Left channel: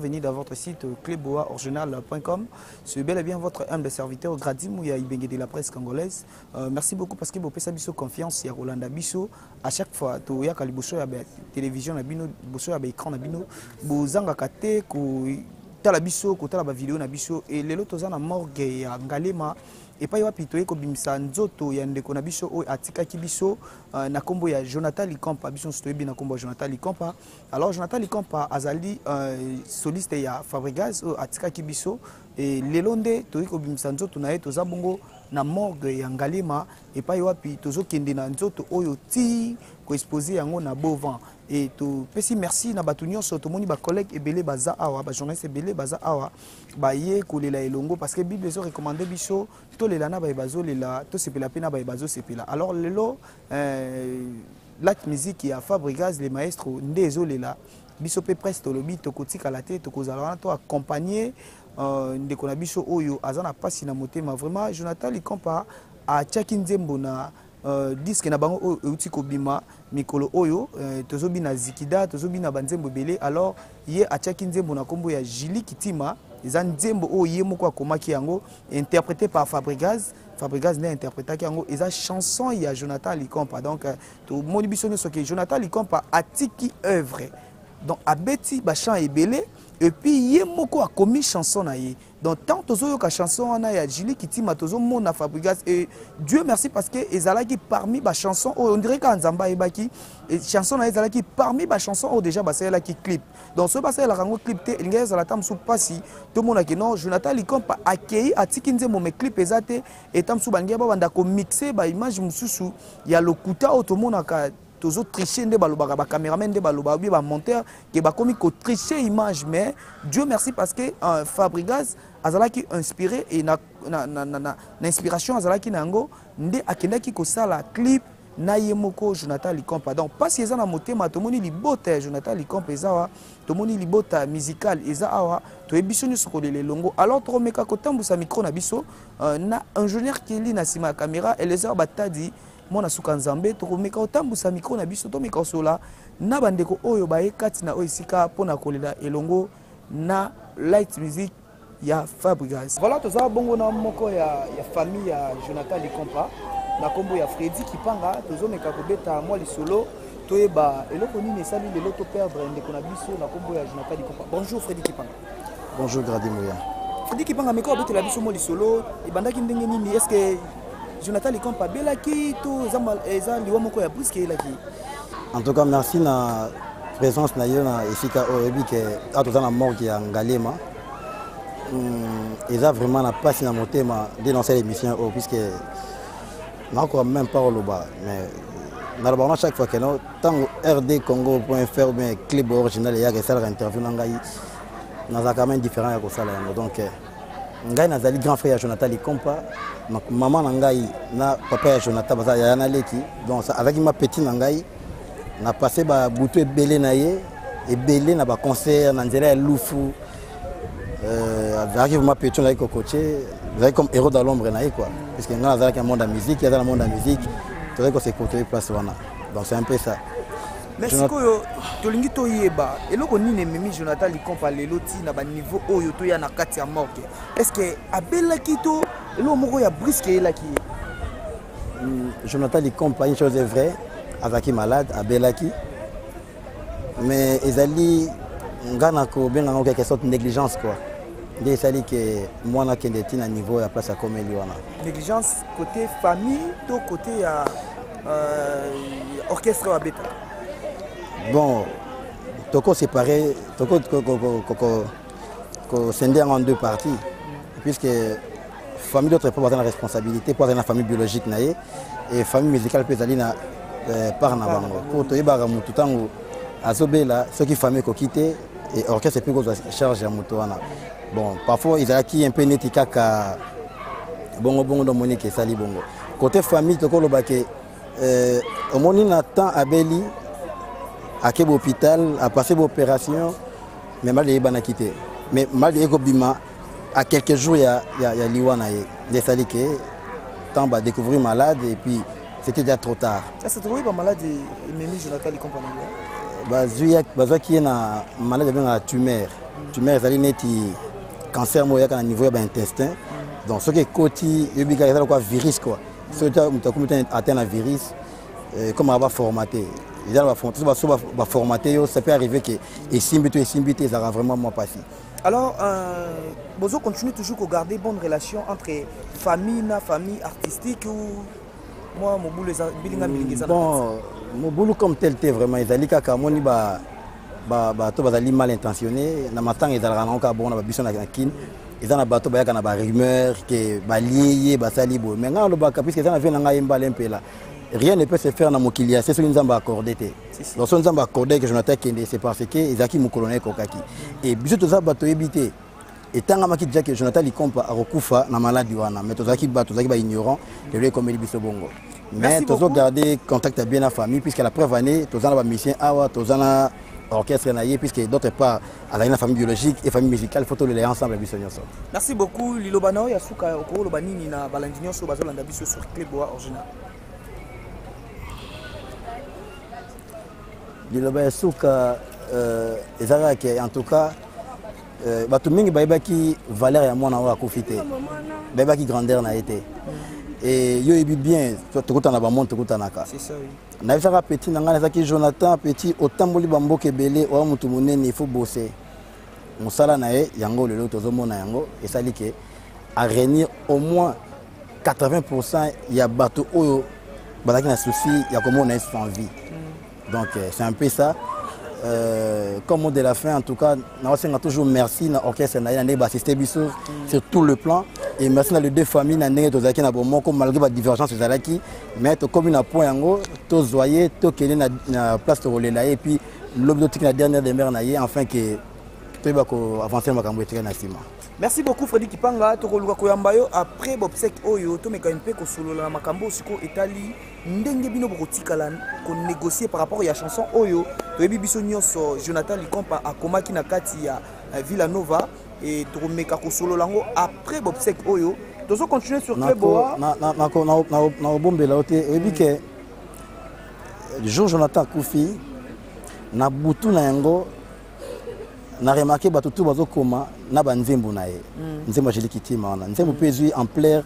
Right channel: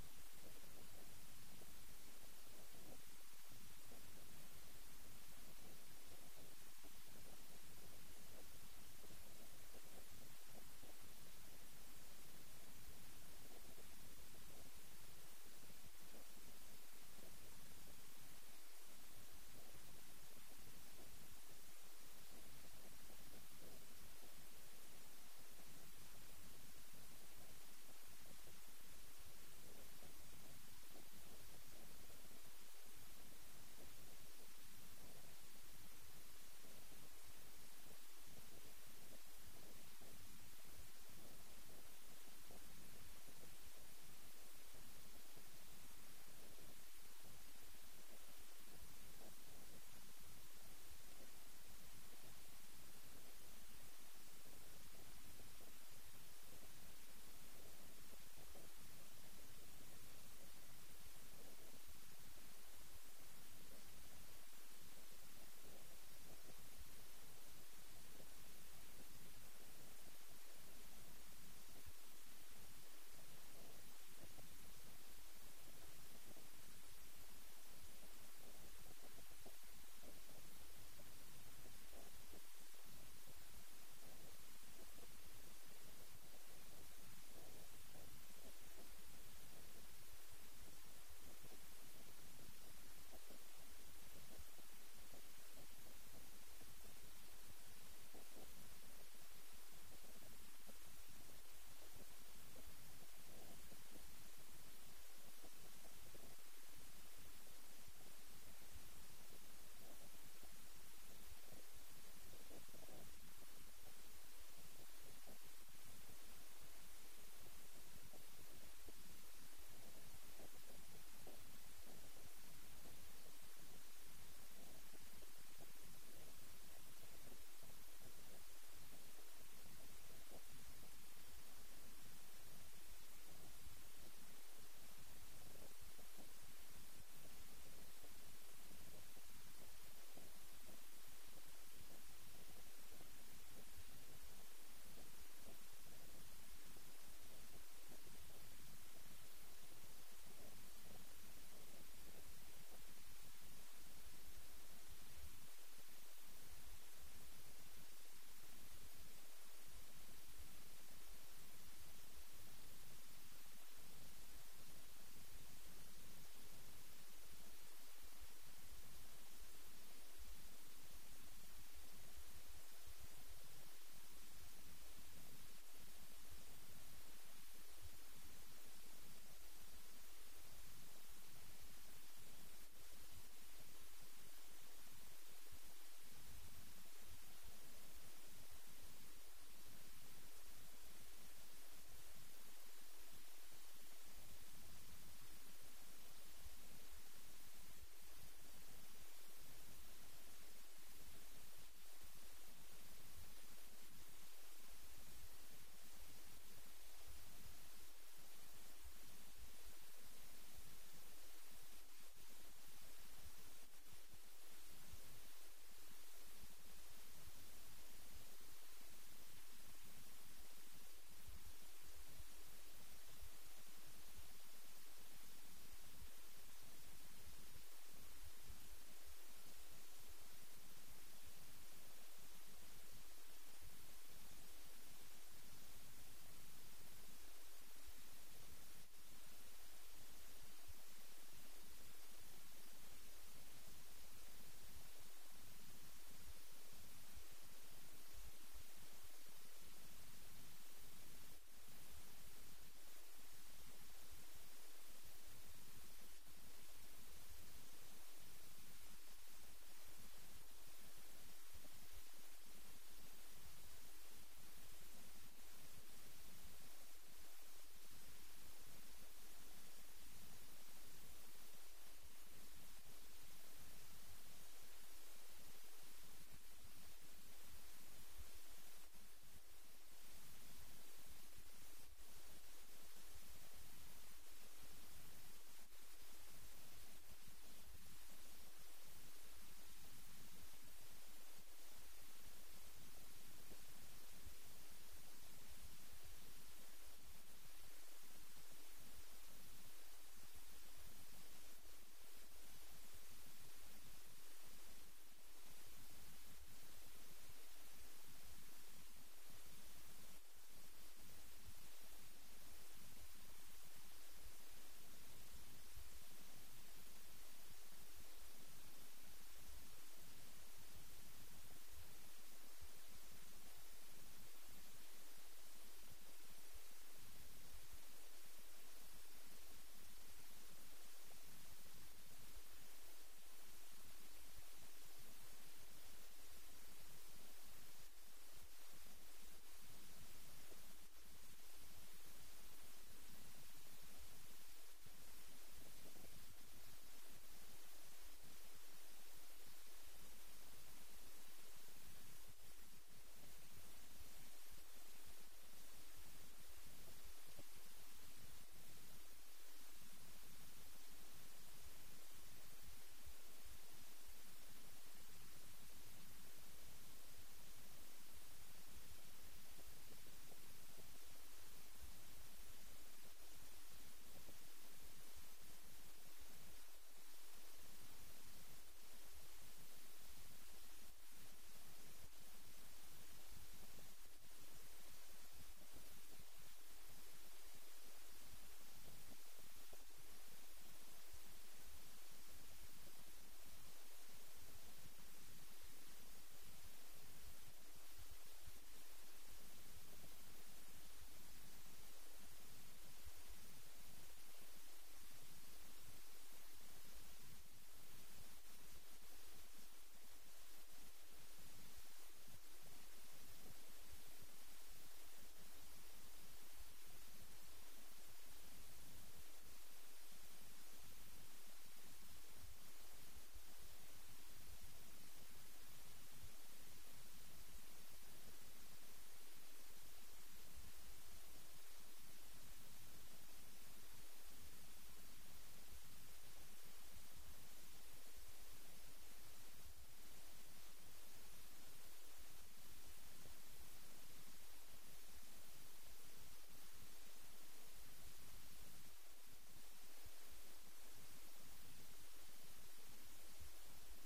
bienvenue dans votre site cleboaoriginal.com. C'est bel et bien votre humble serviteur Gradimouya Ibenge de la presse congolaise. Merci beaucoup parce que vous pouvez savoir confiance à Rolanda Bisso. À chaque fois, tu as la télévision, l'écran, vous avez kate la biso, la vidéo na biso et les autres na morgue ya Ngalema et pas yapi to eko bimisa nzoto ya ndeko na biso o atika ki biso na kombo ya Jonathan Likampa biso stoyebi na kombo ya Jonathan Likampa. Alors Jonathan Likampa azali soliste ya Fabregas o atika ki biso et lelonde to eko bimisa nzoto na eto za bongo na morgue ya Ngalema et pas yapi tozo kende na nzoto oyo ti ko exposer yango na Bovan. Et tout petit merci na batunyo soto moni ba collègue ebele baza awa ba journaliste ebele baza awa ba ye kolela elongo parce que bible zo recommandé biso to lela na ba bazo lela to sepela pena ba bazo sepela. Alors lelo la musique ya Fabregas les maestros ndezo lela biso pe presque to lobi to kotika la tête to kozala to accompagner ndeko na biso oyo azana pasi na motema vraiment Jonathan Likampa a tchaki nzembo na disque na bango outi kobima mikolo oyo tozobi na zikida tozobi na banzembo belé. Alors ye atchaki nzembo na kombo ya Jili Kitima eza nzembo oyo ye moko akomaki yango interprété par Fabregas. Fabregas n'a interprété yango eza chanson ya Jonathan Likampa. Donc to moni biso nyonso ke Jonathan Likampa atiki œuvre donc abeti ba chant ebele et puis ye moko akomi chanson na ye. Donc tant tozo ka chanson wana ya Jili Kitima tozo mona Fabregas et Dieu merci parce que ezalaki parmi ba chanson on dirait ka nzamba ebaki et chanson na ezalaki parmi ba chanson o déjà basela ki clip. Donc ce basela la rango clip te linga ezala tam sou pasi to mona ke non Jonathan Likampa akei atiki nzembo me clip ezate et tam sou bangia ba banda ko mixer ba image mususu ya lokuta o to mona ka tozo tricher nde balobaka ba cameraman nde baloba bi ba monteur ke ba komi ko tricher image. Mais Dieu merci parce que Fabregas azalaki inspiré et na inspiration azalaki nango nde akendaki ko sala clip na yemoko Jonathan Likampa. Donc pas si ezana motema to moni libota Jonathan Likampa ezawa to moni libota musical eza awa to ebiso nyuso ko lele longo. Alors to meka ko tambusa micro na biso na ingénieur qui li na sima caméra et les heures batadi mona suka nzambe to meka otambusa micro na biso to meka sola na bandeko oyo baye kati na oisika pona kolela elongo na light music ya Fabregas. Voilà toza bongo na moko ya famille ya Jonathan Likampa na kombo ya Freddy Kipanga tozo meka ko beta moi lisolo toyeba eloko nini sali de l'auto perdre ndeko na biso na kombo ya Jonathan Likampa. Bonjour Freddy Kipanga. Bonjour Gradimouya. Freddy Kipanga meka beta la biso moi lisolo e bandaki ndenge nini est-ce que Jonathan Likampa belaki to eza liwa moko ya briske elaki. En tout cas merci na présence na yo na esika oyebi ke atoza na morgue ya Ngalema. Eza vraiment na passe na motema dénoncer l'émission puisque n'a encore même pas au bas mais na chaque fois que non tant rdcongo.fr mais clip original ya que ça interview na ngai na quand même différent ya ko sala donc ngai nazali grand frère ya Jonathan Likampa maman na ngai na papa ya Jonathan baza ya na leki donc avec ma petite na ngai na passé ba butu ebele na ye ebele na ba concert na nzela ya Lufu arrive ma petite na coaché comme héros dans l'ombre na quoi parce que nga nazala ka monde de musique ya dans le monde de musique tu vois que c'est côté place wana donc c'est un peu ça. Mais sikoyo tolingi to yeba eloko nini memi Jonathan Likampa leloti na ba niveau oyo to ya na kati ya morgue est-ce que abelaki to eloko moko ya briske elaki. Jonathan Likampa une chose est vraie azaki malade abelaki mais ezali ngana ko benga ngo quelque sorte de négligence quoi. Nde sali que moi na kende tina niveau ya place à comme wana. Négligence côté famille to côté ya orchestre abeta. Bon, toko séparé, toko scindé en deux parties, puisque famille d'autres pas la responsabilité, pas la famille biologique naie et famille musicale peut aller na par na bango. Pour toi iba mutu tango azobela ceux qui famille ko quitter et orchestre peut ko charge ya mutu wana. Bon, parfois ils a qui un peu netika ka bongo bongo do monique sali bongo. Côté famille toko lobake au moni na temps abeli à quel hôpital, à passer l'opération, mais mal de a quitté. Mais mal de Bima, à quelques jours, il y a Liwana, les saliqués, tant va découvrir malade et puis c'était déjà trop tard. Ça c'est trouvé pas malade et Mimi Jonathan Likampa. bazwaki na maladie de tumeur. Tumeur ezali neti cancer mo yaka na niveau ya intestin. Donc ce qui est côté yobika ezali quoi virus quoi. Ce qui est atteint un virus comme on va formater. Ils va formater, ça peut arriver que et Simbito, ça va vraiment moins passer. Alors, Bozo continue toujours à garder bonne relation entre famille artistique ou moi, mon boulot bon, mon boulot comme tel, vraiment, ils allaient qu'à Kamoni, mal intentionné. Na matin, ils allaient encore bon, on a besoin de kin. Ils ont un bateau, il y a des rumeurs, que lié, salibo. Mais quand on a puisque ça vient un peu là. Rien ne peut se faire dans mon kilia, c'est ce que nous avons accordé. Donc, si nous avons accordé que Jonathan Kende, c'est parce que Isaki Moukolone Kokaki. Et bisous, tout ça, bateau évité. Et tant que Jonathan Likompa a recouvert la maladie, mais tout ça qui est ignorant, de lui comme il est bongo. Mais tout ça, garder contact bien la famille, puisque la preuve année, tout ça, la mission, tout ça, orchestre, puisque d'autre part, à la famille biologique et famille musicale, il faut les ensemble. Merci beaucoup, Lilo Bano, Yasuka, Okoro, Lobanini, Balandinio, Sobazolanda, Bisso sur Clébois original. Liloba Souka, en tout cas, bato mingi baibaki valeur ya mwana wa kofite. Baibaki grandeur na été. Et yo ebi bien, tokota na ba monde tokota naka. C'est ça oui. Na visaka petit nanga nazaki Jonathan petit otamboli bamboke belé o mutu monene il faut bosser. Musala na ye yango lelo tozomona yango esali ke à réunir au moins 80% ya bato oyo bazaki na souci ya komona sans vie. Donc c'est un peu ça. Comme mot de la fin, en tout cas, nous avons toujours merci à l'orchestre assisté sur tout le plan. Et merci à les deux familles, malgré la divergence, mais comme une point, tous voyez, tous qui la place de relais et puis l'objectif de la dernière demeure, afin que tout avancer ma cambouille. Merci beaucoup Freddy Kipanga. Après Bobsek Oyo, to mekampe ko solo la makambo siko Italie. Ndenge bino bokotikala ko négocier par rapport à la chanson Oyo. To yebi biso nyonso Jonathan Likompa akomaki na kati ya Villanova et to meka ko solo lango après Bobsek Oyo. Tozo continuer sur Clébois. Na bombela ote yebi ke le jour Jonathan Koufi na butu na yango na remarqué bato tout bazo koma na banzembo na ye nzembo jeli kitima wana nzembo pezui en plaire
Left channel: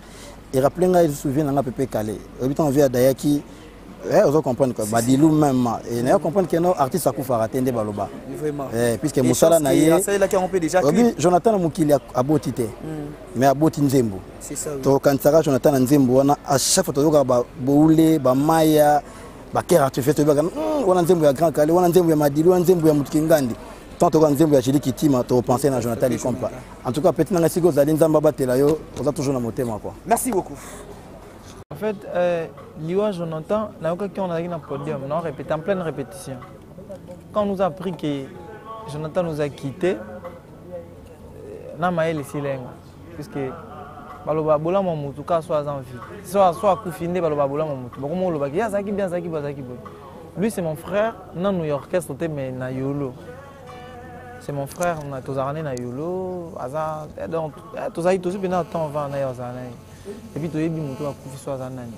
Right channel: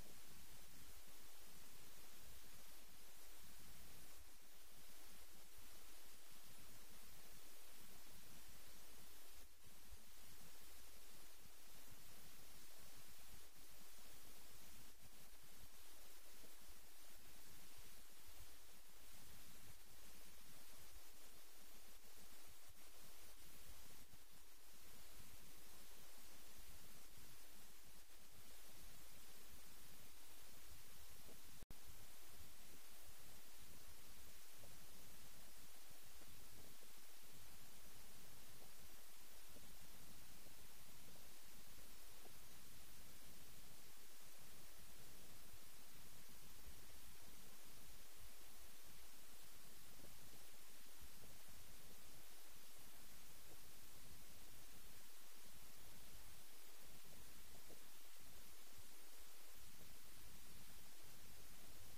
et rappelez nga il se souvient nga pépé calé habitant via dayaki on comprendre quoi badilou même et na comprendre que nos artistes akufa atende baloba vraiment puisque musala na ye ça là qui on peut déjà Jonathan Mukili abotité mais aboti nzembo c'est ça to kansaka Jonathan nzembo wana à chaque fois to ba boule ba maya ba kera tu fais to ba wana nzembo ya grand calé wana nzembo ya madilou wana nzembo ya mutukingandi. Tant que Nzembo Jili Kitima, tu penses à Jonathan Likompa. En tout cas, petit Nangasiko Zalin Zamba Telayo, on a toujours dans mon thème. Merci beaucoup. En fait, Liwa Jonathan, on a eu un podium, on a répété en pleine répétition. Quand on nous a appris que Jonathan nous a quittés, on a maillé les silences. Puisque Baloba Bola Mamoutou, soit en vie, soit Koufinde, Baloba Bola Mamoutou. Beaucoup de gens disent Zaki bien, Zaki Bazaki. Lui, c'est mon frère, non New Yorkais, mais na Yolo. C'est mon frère, on a tous arrêté na Yolo, donc tous aïe tous bien attend va na Yozanay. Et puis tous les bimoutou a coufi soit zanani.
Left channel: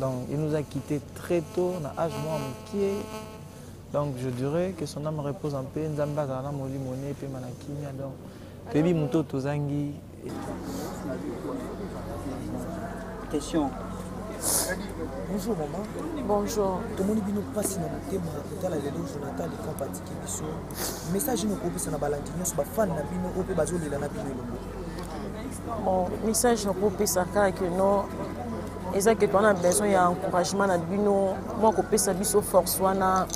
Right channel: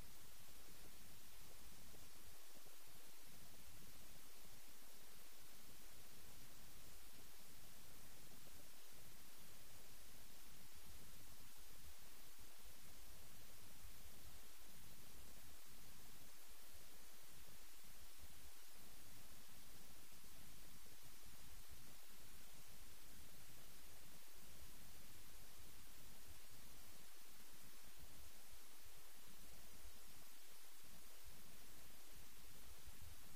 Donc il nous a quittés très tôt, on a âge moi moukié. Donc je dirais que son âme repose en paix, Nzamba zana moli moné pe manakimia donc tous les bimoutou tous angi. Question. Bonjour maman. Bonjour. Tout le monde est passé dans le thème de la Jonathan Likompa Tikibiso. Message nous propose na balandinyo so ba fan na bino ope bazolela na bino longo. Bon, message nous propose ça que non exactement on a besoin d'encouragement na bino moi ko pesa biso force wana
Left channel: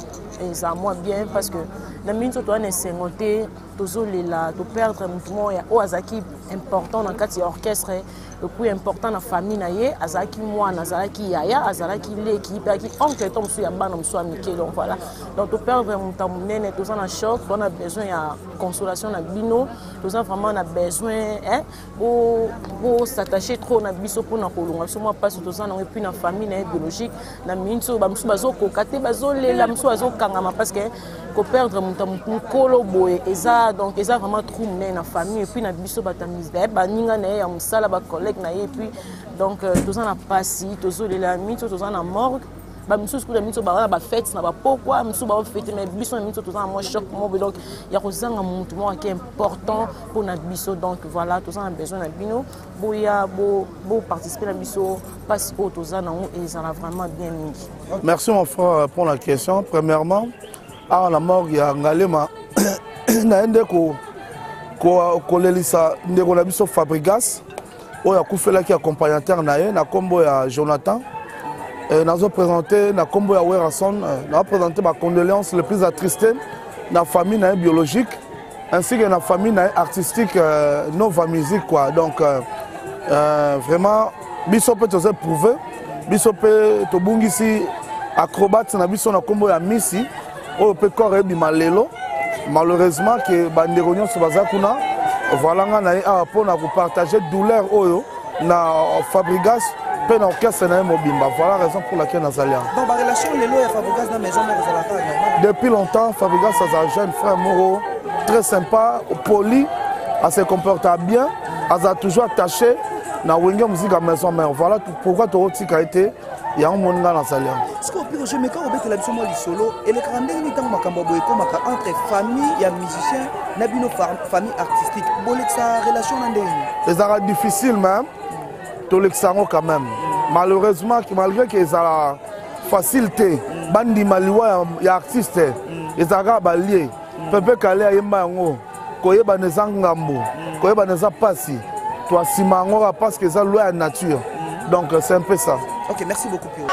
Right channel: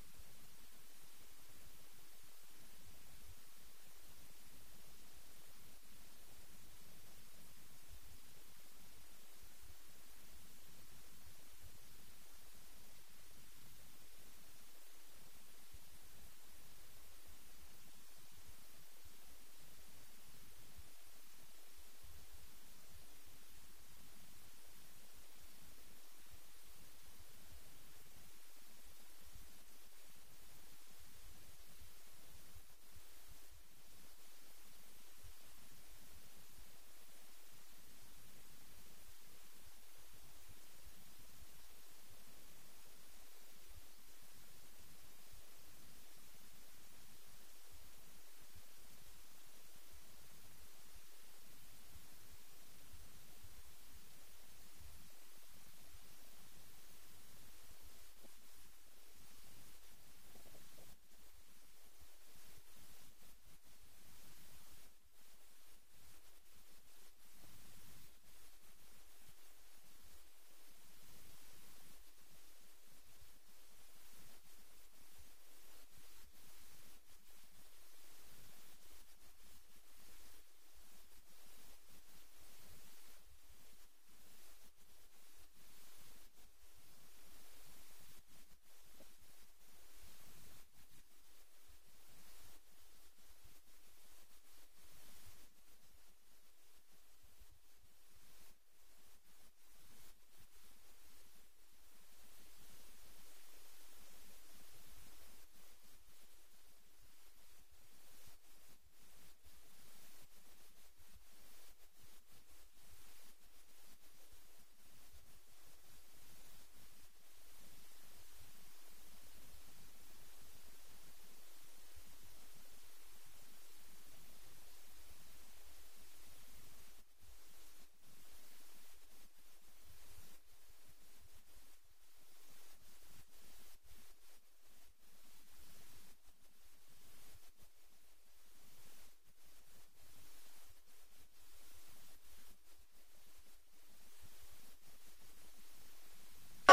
et ça moi bien parce que na minute to na sengoté tozolela to perdre mutumo ya o azaki important dans quatre orchestre le plus important dans la famille naie azaki moi nazalaki yaya azalaki l'équipe qui oncle tom su ya bana mso amike donc voilà donc to perdre mutamune to na choc on a besoin de consolation na bino to vraiment on a besoin hein pour s'attacher trop na biso pour na kolonga so moi parce que to na puis na famille na biologique na minso ba mso bazoko kate bazolela mso bazokangama parce que ko perdre mutamukolo boye eza donc eza vraiment trop mné na famille et puis na biso batamise ba ninga na ya musala ba collègue na et puis donc tous en a passé tous les amis tous en a morgue bamisusu kuta miso bawana bafete na bapokwa miso bafete mais biso na miso toza na mwa choc mo donc ya kozanga mutu moko qui est important pour na biso donc voilà toza na besoin na bino boya bo participer na biso parce que toza na et ça a vraiment bien mingi. Merci mon frère pour la question. Premièrement, à la mort il y a ngalema na ende ko lelisa ndeko na biso Fabrigas oya kufela ki accompagnateur na ye na kombo ya Jonathan. Nous avons présenté na combo ya Werason, nous avons présenté ma condoléance les plus attristé na famille biologique ainsi que na famille artistique Nova Music quoi. Donc vraiment biso peut se prouver biso peut to bungisi acrobate na biso na combo ya Missy o peut corps bima lelo malheureusement que bandeko nyonso baza kuna voilà nga na pour na partager douleur oyo na Fabrigas. Voilà la raison pour laquelle nous allons. Donc, la relation de Fabrigas dans la maison, depuis longtemps, Fabrigas est un jeune frère Moro, très sympa, poli, elle se comporte bien, elle a toujours attaché na wenge musique à maison mère. Voilà pourquoi tu as été il y a un monde dans la salle. Ce que je me quand on la moi solo et le grand dernier temps makambo boyko maka entre famille et musicien na bino famille artistique. Bolek sa relation ndenge. Les arts difficiles même. Tout l'examen quand même. Malheureusement, malgré qu'ils ont la facilité, bandi maliwa ya artiste, ils ont balié. Pepe kale ayemba yango, koye baneza ngambo, koye baneza pasi. Toi simango parce que ça loi à nature. Donc c'est un peu ça. OK, merci beaucoup Pio.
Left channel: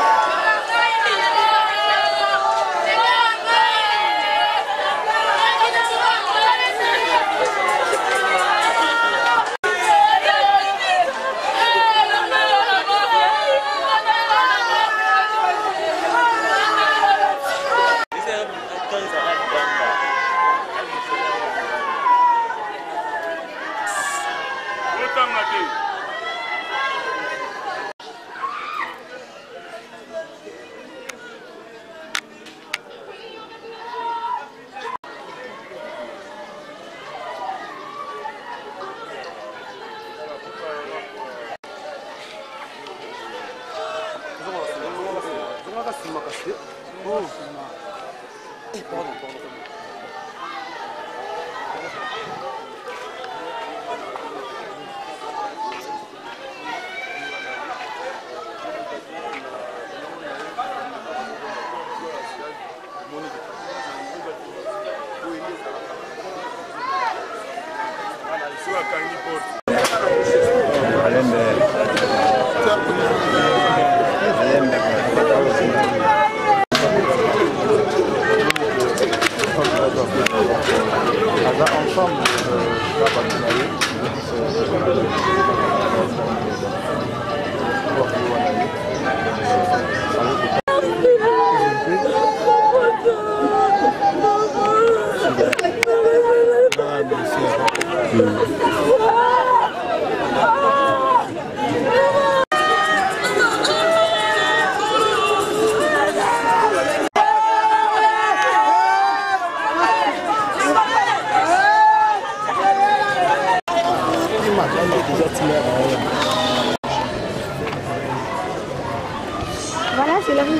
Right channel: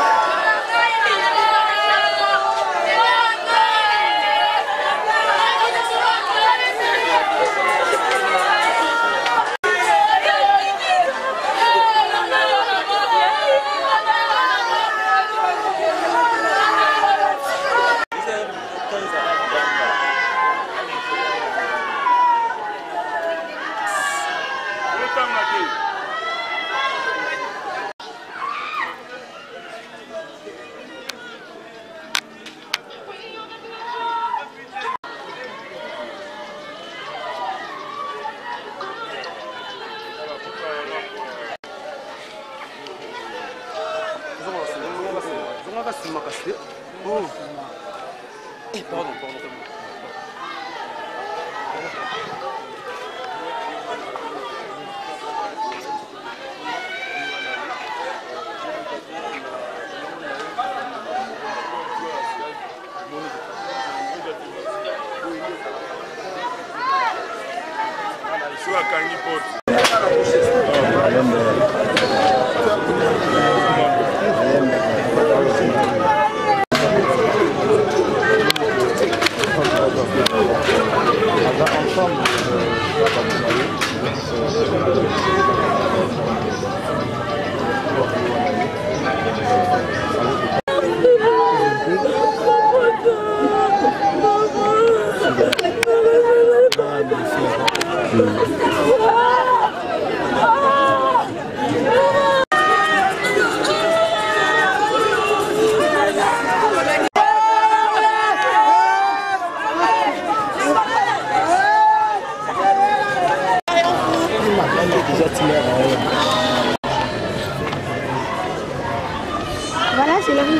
Voilà, c'est la rue du...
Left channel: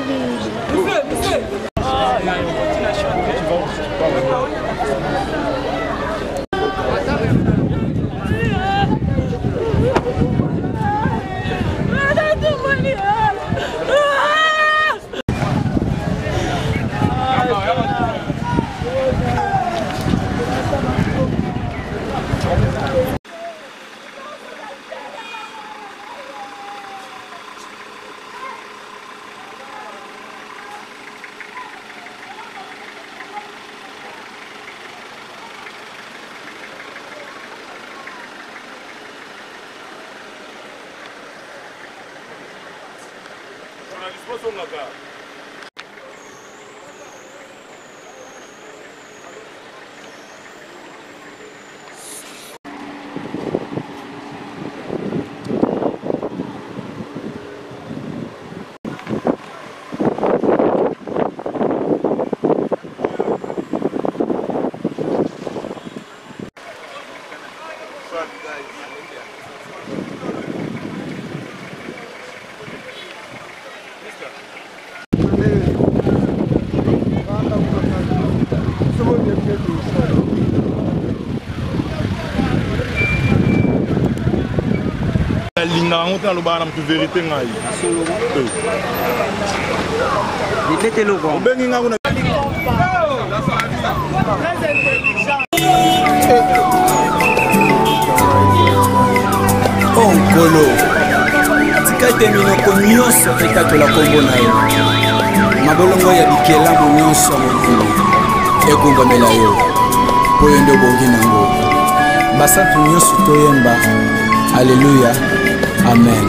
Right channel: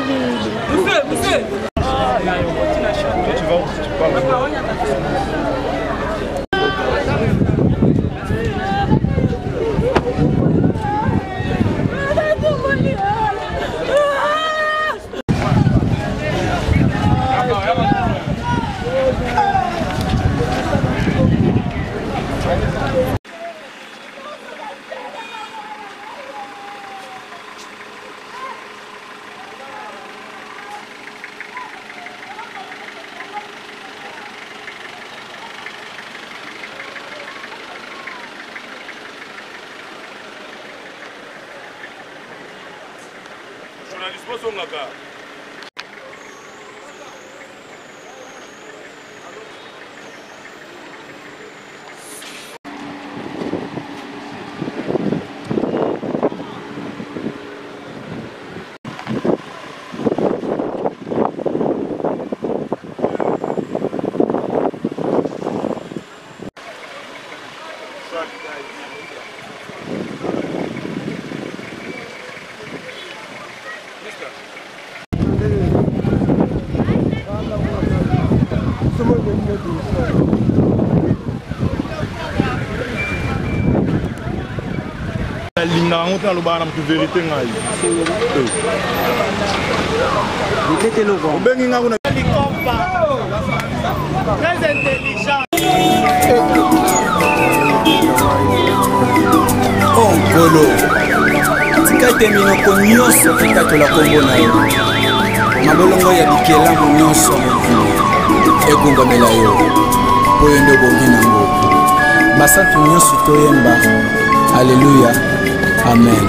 Ah, il y a une continuation. Tu vas Linga ngote alobana mtu vérité ngai. Bitete loko. Obengi nga kuna Très intelligent. Onkolo. Tika ete minoko nyonso ekatola kombo na yo. Mabolongo ya bikelamu nyonso mokili egumbamela yo mpo yo nde obongi nango. Basantu nyonso toyemba. Alléluia. Amen.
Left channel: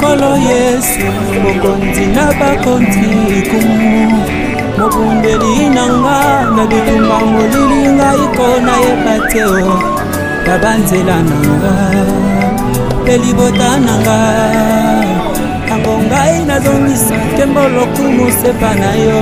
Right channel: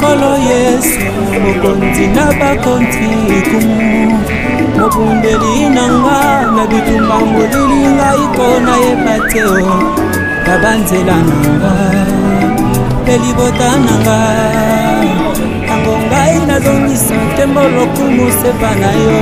Kolo Yesu mokonzi na bakonzi kumu mobundeli nanga na bitumba molili ngai kona yepateo na banzela nanga pelibota nanga tango ngai nazongisa nkembo lokumu sepa na yo.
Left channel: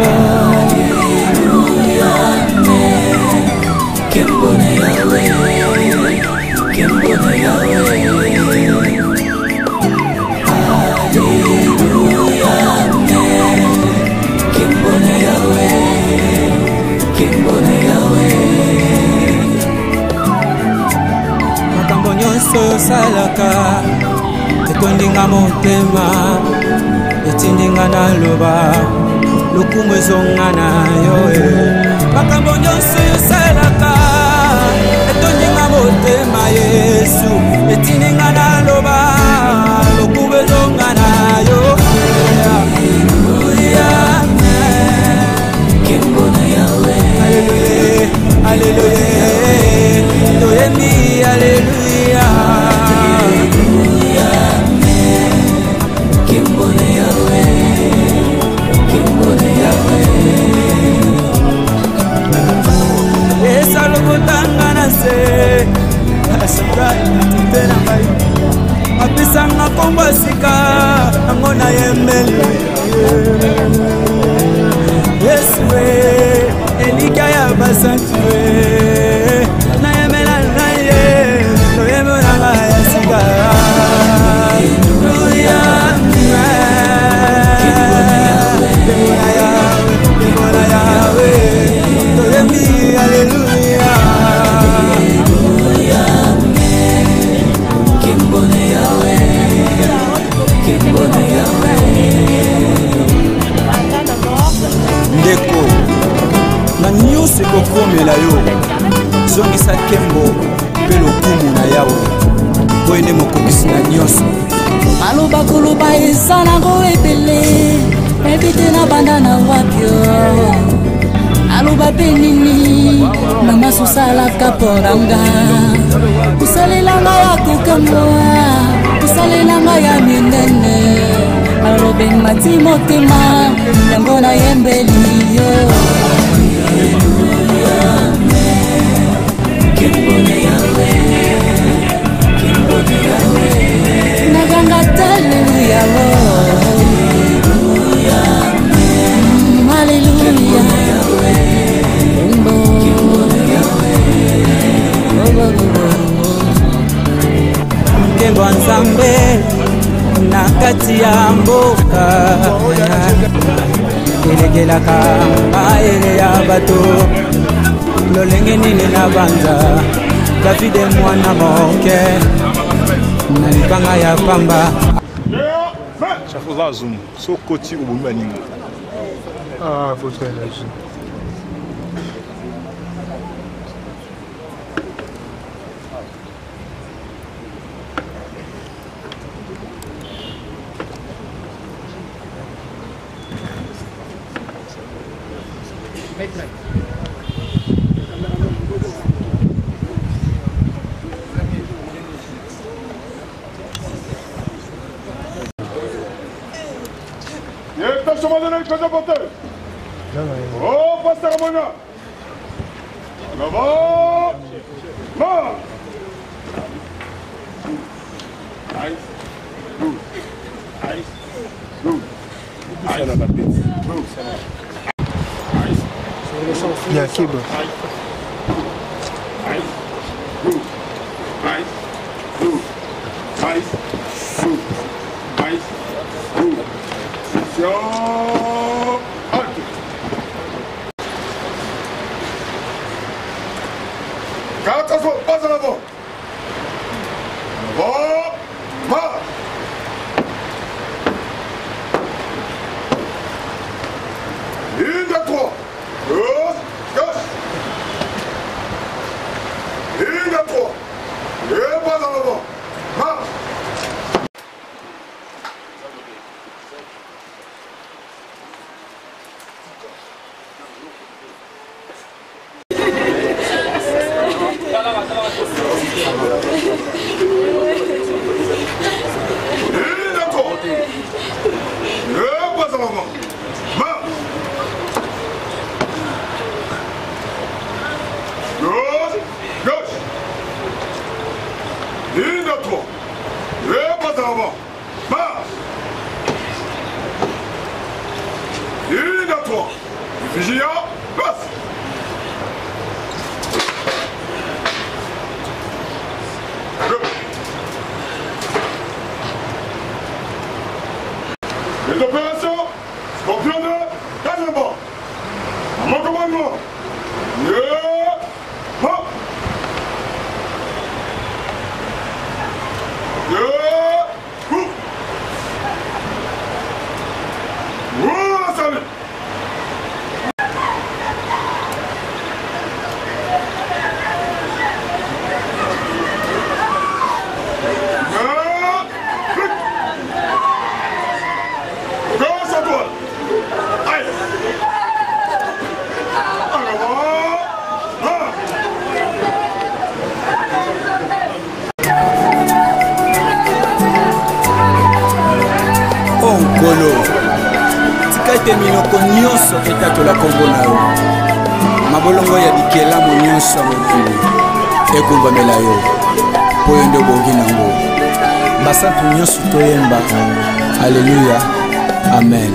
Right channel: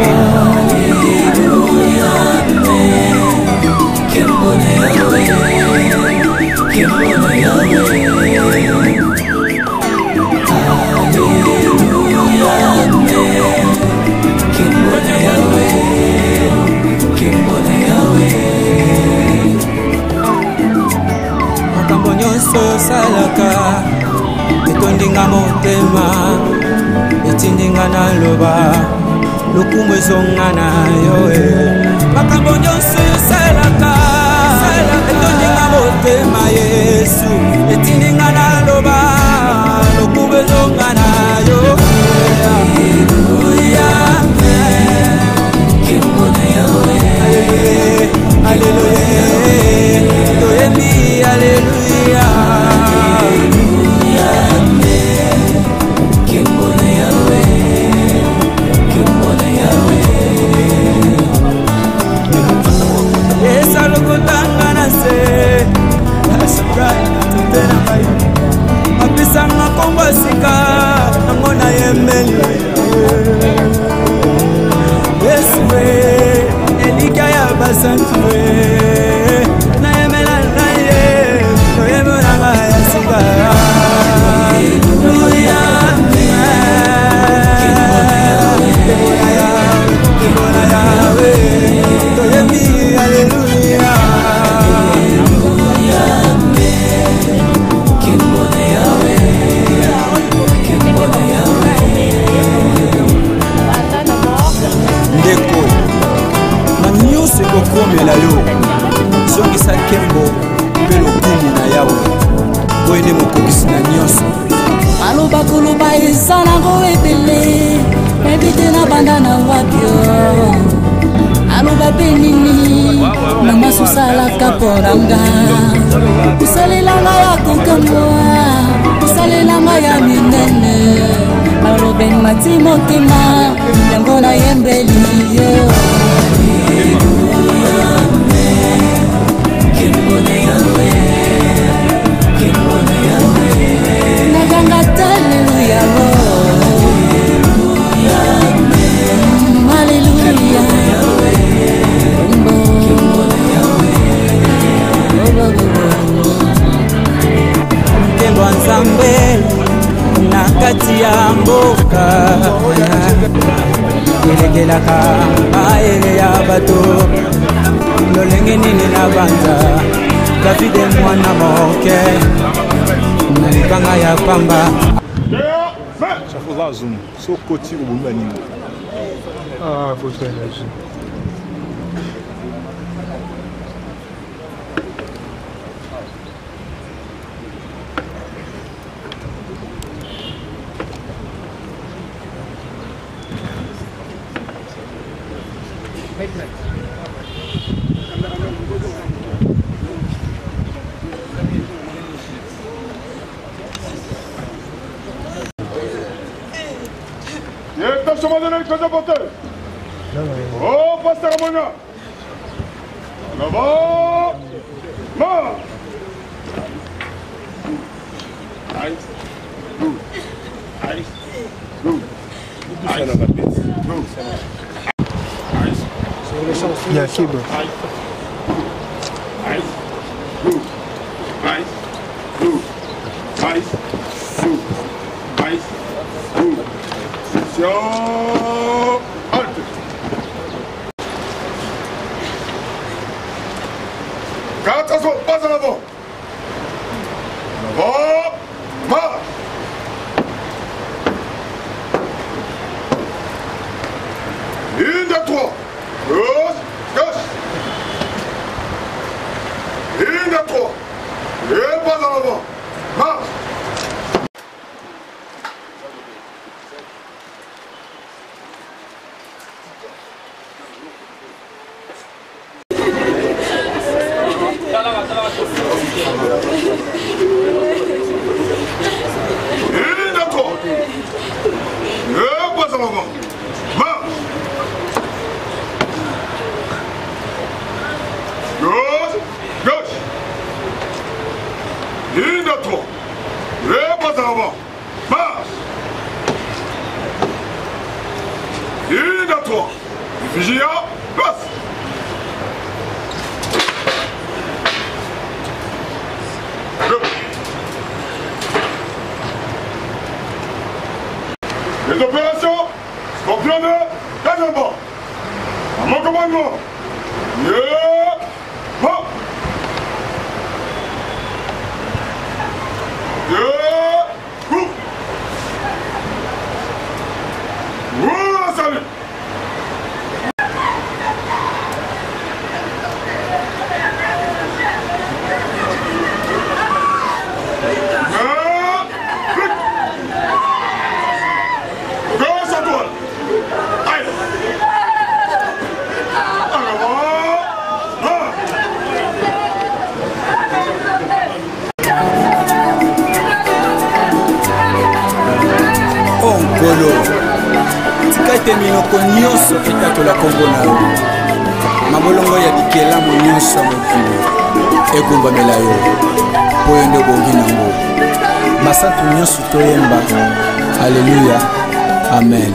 Makambo nyonso yosalaka etondinga motema etindinga na loba lokumu ezonga na yo. Makambo nyonso yosalaka etondinga motema Yesu etindinga na loba lokumu ezonga na yo. Alléluia, alléluia, toyemi alléluia. Esa lokotanga na se, asabrai na tutena mai. Apisanga kombo sika, angona yembeli. Yesu elika ya basantu na yemela na ye toyemela nga ya sika. Hallelujah, temona yawe toyemi hallelujah. Ndeko nyonso ekokomela yo zongisa nkembo mpe lokumu na yawe po ene mokokisi na nyonso. Maloba koloba eza nango ebele ebite na banda na wapio aloba mpe nini na masusalaka mponanga kosalelanga ya kokamwa kosalelanga ya minene alobe mati motema yango na yembeli yo. Hallelujah, hallelujah, nkembo nzambe na kati ya mboka elekelaka maele ya bato lolenge nini na banza Davide mwana moke na libanga ya pamba. Chafola zoom, so koti ubumba ningo. Ah, faut faire ça. Oh, pasta Ramona. Là-bas. Ma. Yakib. Attention, pas en avant. En avant, marche. Une de trois. Gauche, gauche. Une de trois. Et pas en avant. Marche. Les opérations Scorpion 2, deuxièmement. À mon commandement. Salut. Onkolo tika ete minoko nyonso etatola kombo na yo mabolongo ya bikelamu nyonso ya mokili ekumbamela yo mpo yo nde obongi nango basantu nyonso toyemba alleluya amen.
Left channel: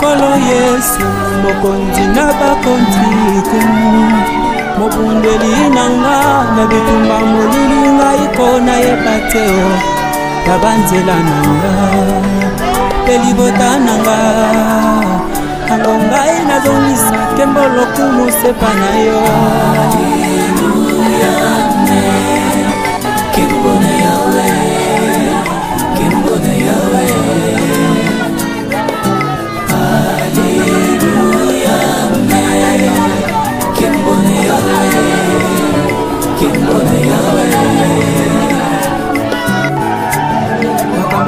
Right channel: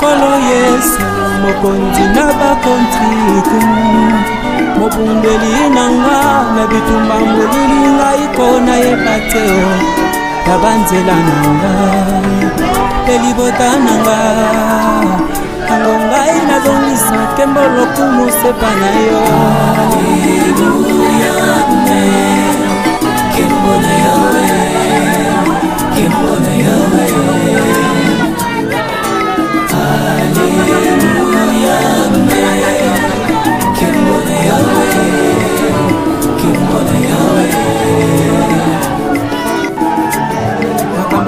Kolo Yesu mokonzi na bakonzi mobundeli nanga na bitumba molili ngai kona yepateo ya banzela nanga elibota nanga ango ngai nazongisa kembolo kumusepa na yo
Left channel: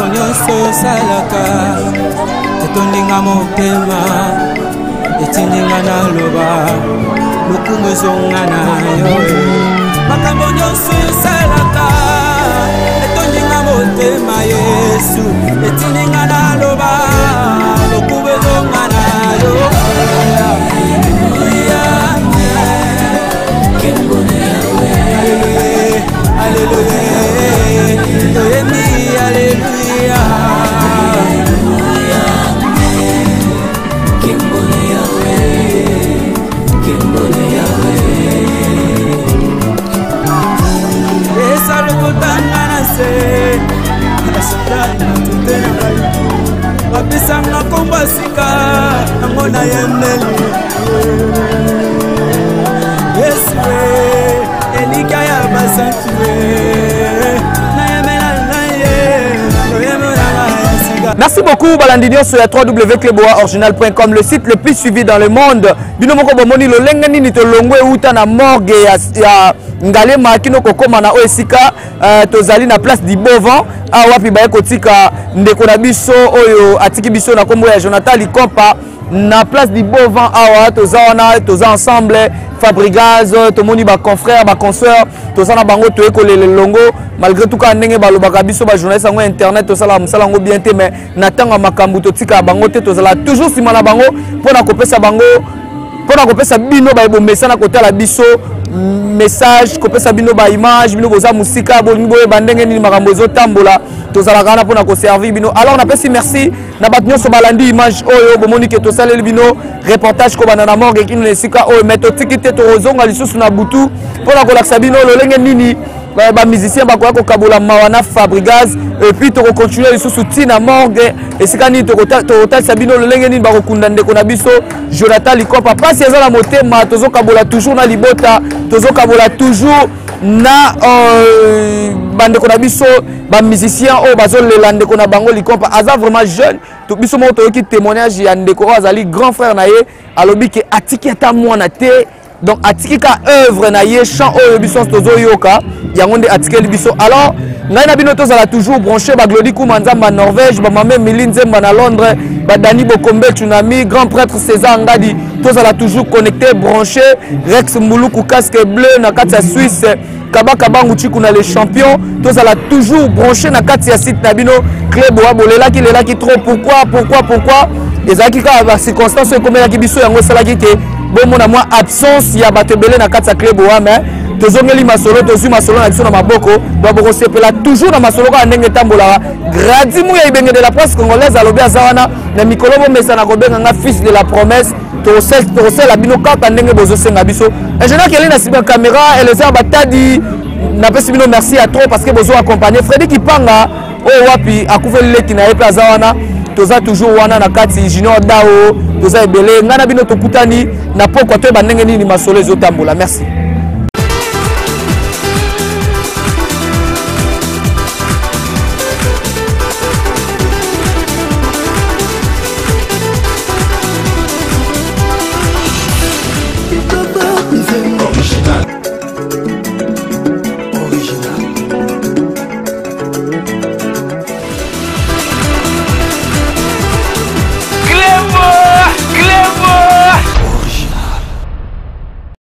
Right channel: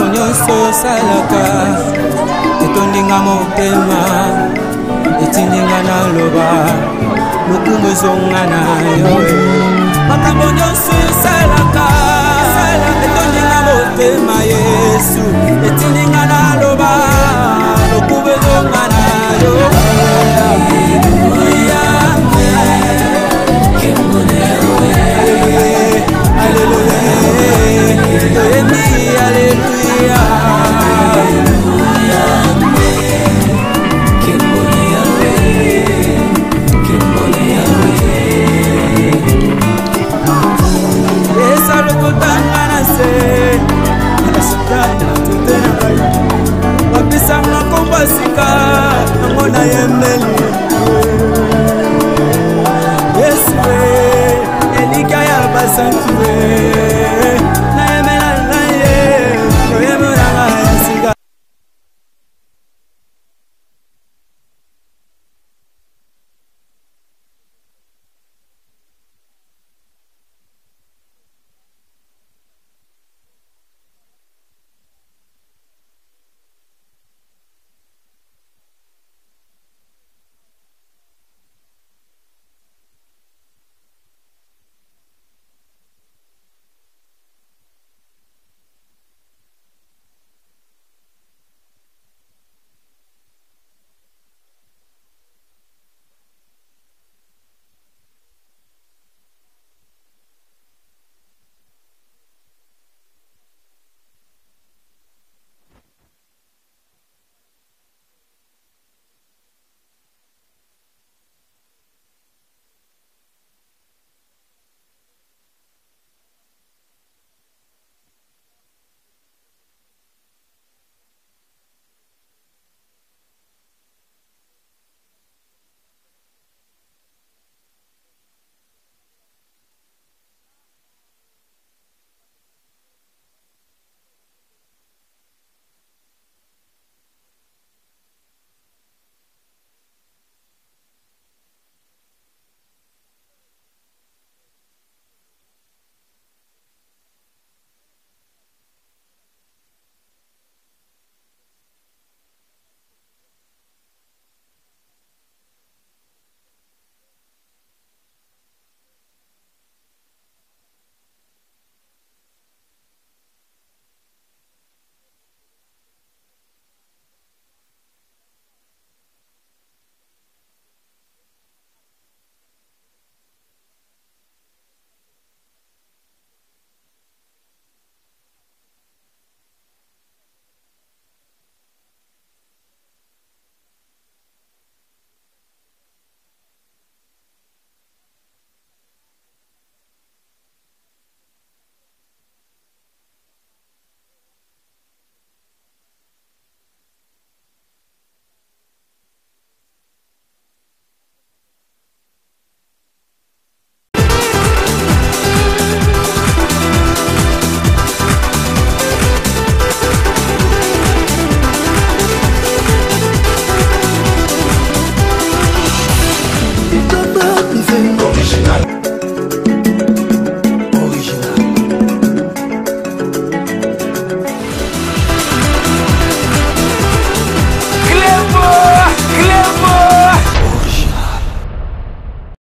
nyonso salaka etondinga motema etindinga na loba lokumu ezonga na yo makambo nyonso salaka etondinga motema Yesu etindinga na loba lokumu ezonga na yo Alléluia, Alléluia, Alléluia. Esa lokotanga na se, asatana tutenga. Wapisanga komba sika, ngona yemeli. Yesu elika ya basantuwe. Merci beaucoup Balandinio sur la www.cleboaoriginal.com, le site le plus suivi dans le monde. Binomoko bomoni lo lengani ni to longwe uta na morgue ya Ngalema kino kokoma na Oesika tozali na place du Bovan awapi baye kotika ndeko na biso oyo atiki biso na kombo ya Jonathan Likompa na place du Bovan awa toza ensemble Fabregas tomoni ba confrères ba consoeurs tozana bango toyekolela longo malgré tout ka ndenge balobaka biso ba journaliste ngo internet tosala musala ngo bien te mais natanga makambu totika bango te tozala toujours simana bango pona kopesa bango pona kopesa bino ba bomesa na kotala biso message kopesa bino ba image bino boza musika bolingo bandenge ni makambo ezotambola tozala kana pona ko servir bino alors na pesi merci na batnyo so balandi image oyo bomoni ke tosaleli bino reportage ko banana morgue kinu nesika oyo meto tikite to ozonga lisusu na butu pona ko laksa bino lolenge nini ba musicien ba ko kabola mawana Fabregas et puis to continuer lisusu tina morgue esika ni to total sabino lolenge nini ba ko kunda ndeko na biso Jonathan Likopa pasi ezala motema tozo kabola toujours na libota tozo kabola toujours na bandeko na biso ba musicien o bazo lelande ko na bango Likopa aza vraiment jeune to biso mo to ki témoignage ya ndeko azali grand frère na ye alobi ke atiki ata mwana te donc atiki ka œuvre na ye chant o biso tozo yoka yango nde atiki biso alors ngai na bino tozala toujours branché ba Glody Kumanzamba Norvège ba Mame Milinzemba na Londres ba Dani Bokombe Tsunami grand prêtre César Ngadi tozala toujours connecté branché Rex Mbuluku casque bleu na kati ya Suisse Kabaka Bangu Chiku na les champions tozala toujours branché na kati ya site na bino club wa bolela ki lela ki trop pourquoi ezaki ka ba circonstances comme la ki biso yango sala ki te bon mon moi absence ya batebele na kati ya club wa mais tozongeli masolo tozu masolo na biso na maboko baboko sepela toujours na masolo ka ndenge tambola gradi mu ya ibenge de la presse congolaise alobi azawana na mikolo bo mesa na kobenga nga fils de la promesse to la bino kaka ndenge bozo senga biso ingénieur keli na siba caméra et les batadi na pesi bino merci à trop parce que bozo accompagner Freddy Kipanga o wapi akufeli leki na epe azawana toza toujours wana na kati Junior Dao toza ebele ngana bino tokutani na pokwa to bandenge nini masolo ezotambola merci.